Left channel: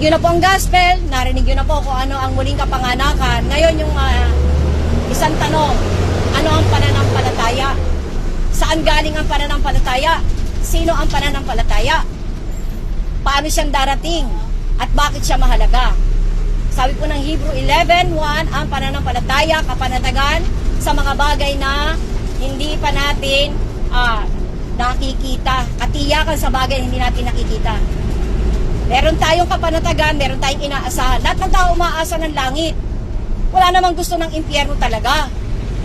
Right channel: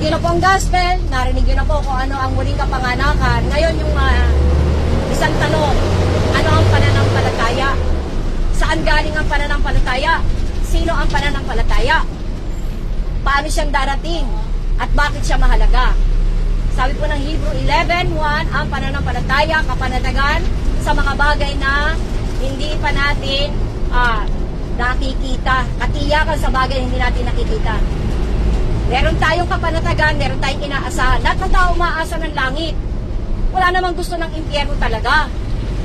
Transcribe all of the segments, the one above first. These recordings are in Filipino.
Narinig yun na po ang gospel, narinig yun na po kung ano ang muling kapanganakan. Ngayon yung isang tanong, ano ang pananampalataya? Saan galing ang pananampalataya? Sino ang pananampalataya? Paano siyang darating? At bakit siya mahalaga? Sabi po ng Hebrew 11:1, ang pananampalataya, kapanatagan sa mga bagay na hindi pa natin nakikita. Katiyakan sa bagay na hindi natin nakikita. Meron tayong kapanatagan, meron tayong inaasahan. Lahat ng tao umaasa ng langit. Wala namang gusto ng impyerno talaga.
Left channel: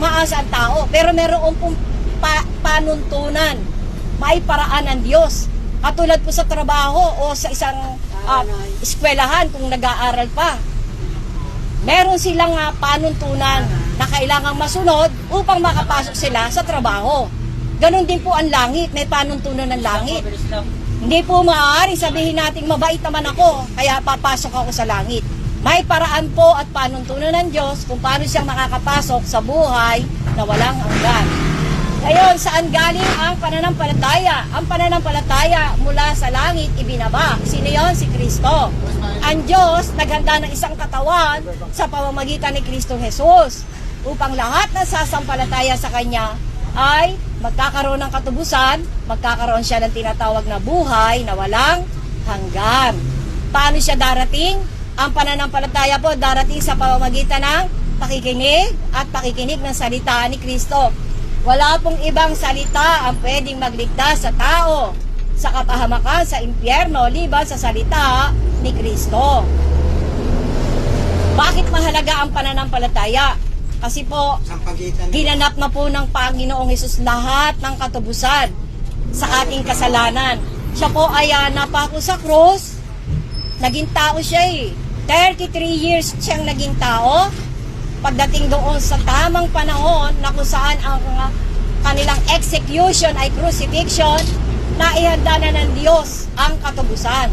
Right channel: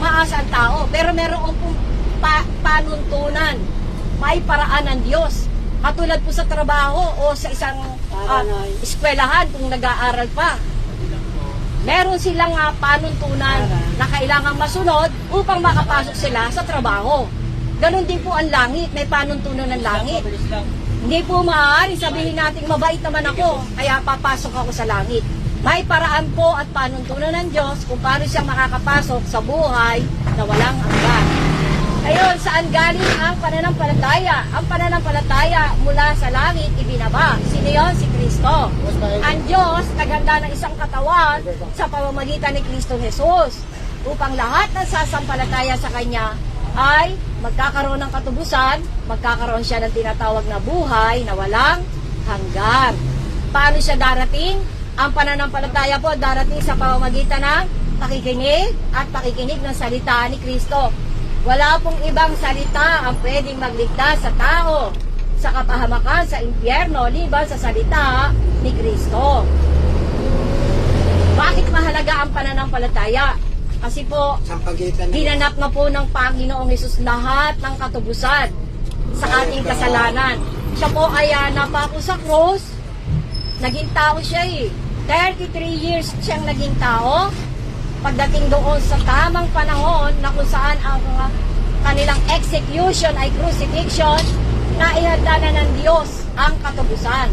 Umaasa ang tao. Pero meron pong panuntunan. May paraan ng Diyos. Katulad po sa trabaho o sa isang eskwelahan kung nag-aaral pa. Meron silang panuntunan na kailangang masunod upang makapasok sila sa trabaho. Ganon din po ang langit. May panuntunan ng langit. Hindi po maaaring sabihin natin mabait naman ako, kaya papasok ako sa langit. May paraan po at panuntunan ng Diyos kung paano siya makakapasok sa buhay na walang hanggan. Ngayon, saan galing ang pananampalataya? Ang pananampalataya mula sa langit ibinaba. Sino yun? Si Kristo. Ang Diyos naghanda ng isang katawan sa pamamagitan ni Kristo Jesus upang lahat na sasampalataya sa Kanya ay magkakaroon ng katubusan, magkakaroon siya ng tinatawag na buhay na walang hanggan. Paano siya darating? Ang pananampalataya po darating sa pamamagitan ng pakikinig at pakikinig ng salita ni Kristo. Wala pong ibang salita ang pwedeng magligtas sa tao sa kapahamakan, sa impyerno, liban sa salita ni Kristo. Bakit mahalaga ang pananampalataya? Kasi po, ginanap na po ng Panginoong Hesus lahat ng katubusan sa ating kasalanan. Siya po kaya napako sa krus, naging tao siya 33 years siyang naging tao. Pagdating doon sa tamang panahon na kung saan ang kanilang execution ay crucifixion, naihanda na ng Diyos ang katubusan.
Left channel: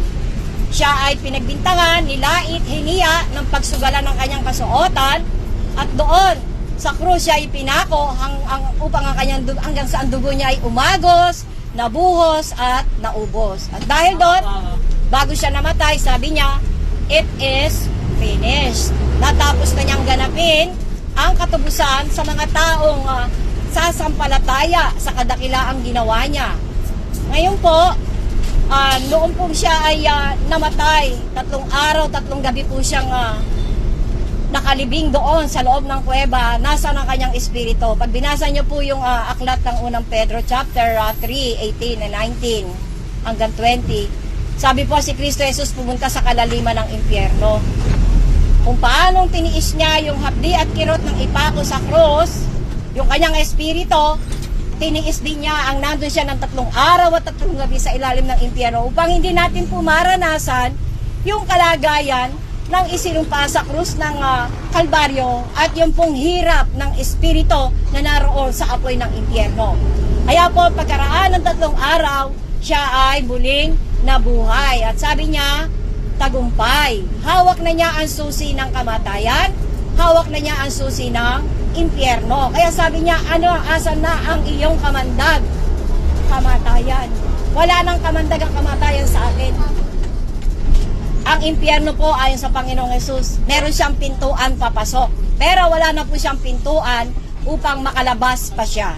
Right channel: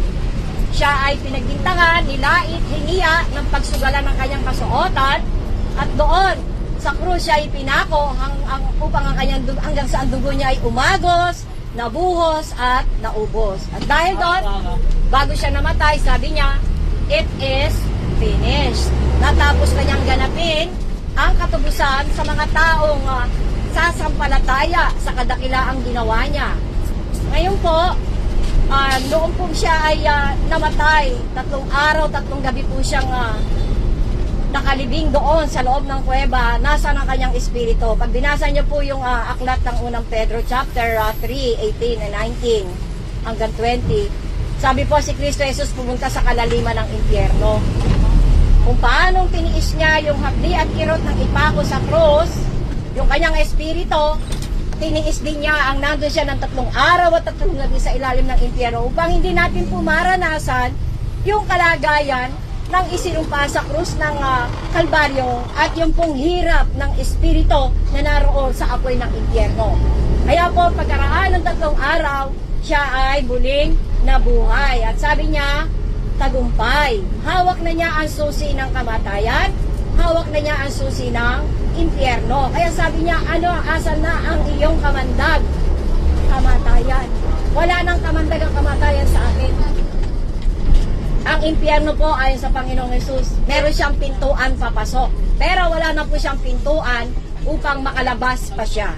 Siya ay pinagbintangan, nilait, hiniya ng pagsugalan ng kanyang kasuotan. At doon, sa krus siya ay pinako upang ang kanyang hanggang sa ang dugo niya ay umagos, nabuhos at naubos. At dahil doon, bago siya namatay, sabi niya, it is finished. Natapos na niyang ganapin ang katubusan sa mga taong sasampalataya sa kadakilaang ginawa niya. Ngayon po, noon po siya ay namatay, 3 araw, 3 gabi po siyang nakalibing doon sa loob ng kuweba, nasa ng kanyang espiritu. Pag binasa niyo po yung aklat ng unang Pedro chapter 3:18 and 19 hanggang 20, sabi po si Kristo Jesus pumunta sa kalaliman ng impyerno. Kung paanong tiniis niya yung hapdi at kirot ng ipako sa krus, yung kanyang espiritu, tiniis din niya ang nandun siya ng 3 araw at 3 gabi sa ilalim ng impyerno upang hindi natin po maranasan yung kalagayan ng isinumpa sa krus ng Kalbaryo at yung pong hirap ng espiritu na naroon sa apoy ng impyerno. Kaya po pagkaraan ng 3 araw, siya ay muling nabuhay. At sabi niya, tagumpay. Hawak na niya ang susi ng kamatayan, hawak na niya ang susi ng impyerno. Kaya sabi niya, asan na ang iyong kamandag? Kamatayan. Wala nang kamandag ang kamatayan sa atin. Ang impyerno po ayon sa Panginoong Hesus, meron siyang pintuan papasok. Pero wala na po siyang pintuan upang makalabas pa siya.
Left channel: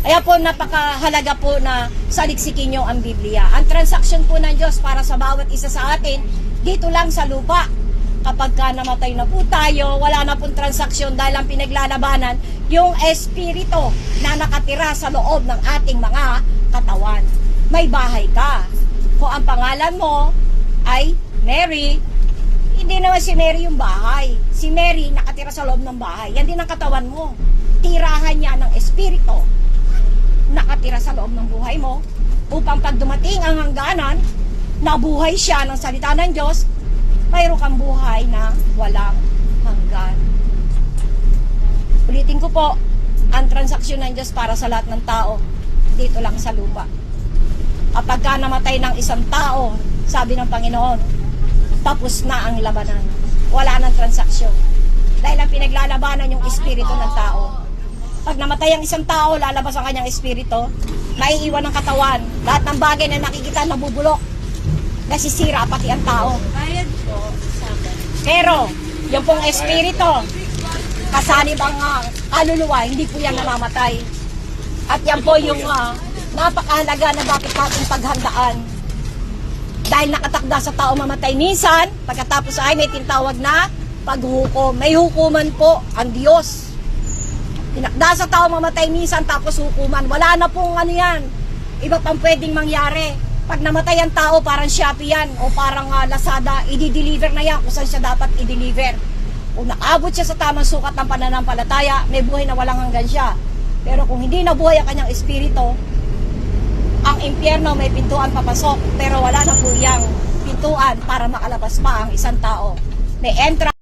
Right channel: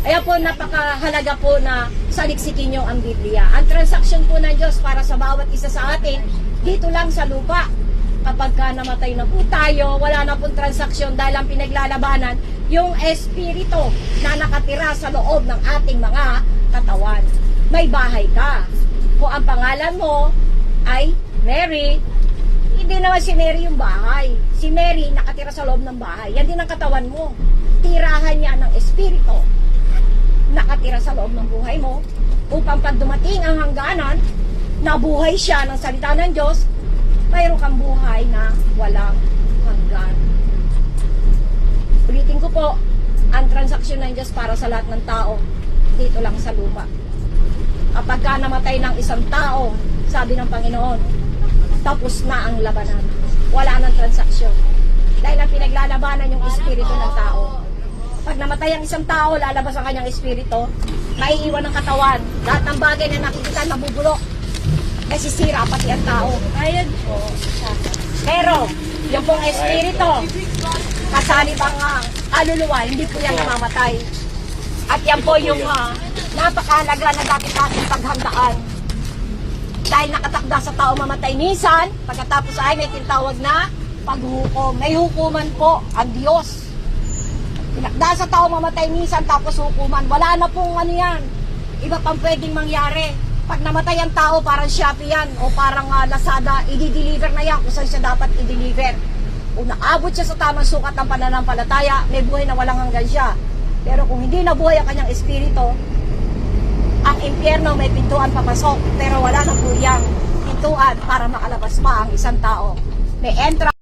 Kaya po napakahalaga po na saliksikin nyo ang Biblia. Ang transaksyon po ng Diyos para sa bawat isa sa atin, dito lang sa lupa. Kapag ka namatay na po tayo, wala na pong transaksyon dahil ang pinaglalabanan yung espiritu na nakatira sa loob ng ating mga katawan. May bahay ka. Kung ang pangalan mo ay Mary, hindi naman si Mary yung bahay. Si Mary nakatira sa loob ng bahay. Yan din ang katawan mo. Tirahan niya ng espiritu. Nakatira sa loob ng buhay mo upang pag dumating ang hangganan, nabuhay siya ng salita ng Diyos, mayroon kang buhay na walang hanggan. Ulitin ko po, ang transaksyon ng Diyos para sa lahat ng tao, dito lang sa lupa. Kapag ka namatay ng isang tao, sabi ng Panginoon, tapos na ang labanan. Wala nang transaksyon. Dahil ang pinaglalabanan yung espiritu ng tao. Pag namatay ang isang tao, lalabas ang kanyang espiritu, maiiwan ng katawan. Lahat ng bagay na nakikita nabubulok. Nasisira pati ang tao. Yung pong espiritu, kasali bang kaluluwa, hindi po yan namamatay. At yan po yung napakahalaga na dapat natin paghandaan. Dahil nakatakda sa tao mamatay minsan, pagkatapos ay may tinatawag na paghukom. May hukuman po ang Diyos. Tinakda sa tao mamatay minsan tapos hukuman. Wala na pong ano yan. Iba pang pwedeng mangyari. Pag namatay ang tao, parang Shopee yan o parang Lazada, i-deliver na yan kung saan siya dapat i-deliver. Kung naabot siya sa tamang sukat ng pananampalataya, may buhay na walang hanggan siya. Pero kung hindi nabuhay ang kanyang espiritu, ang impyerno may pintuan papasok, pero wala na po yang pintuan para makalabas pa ang isang tao. May entrance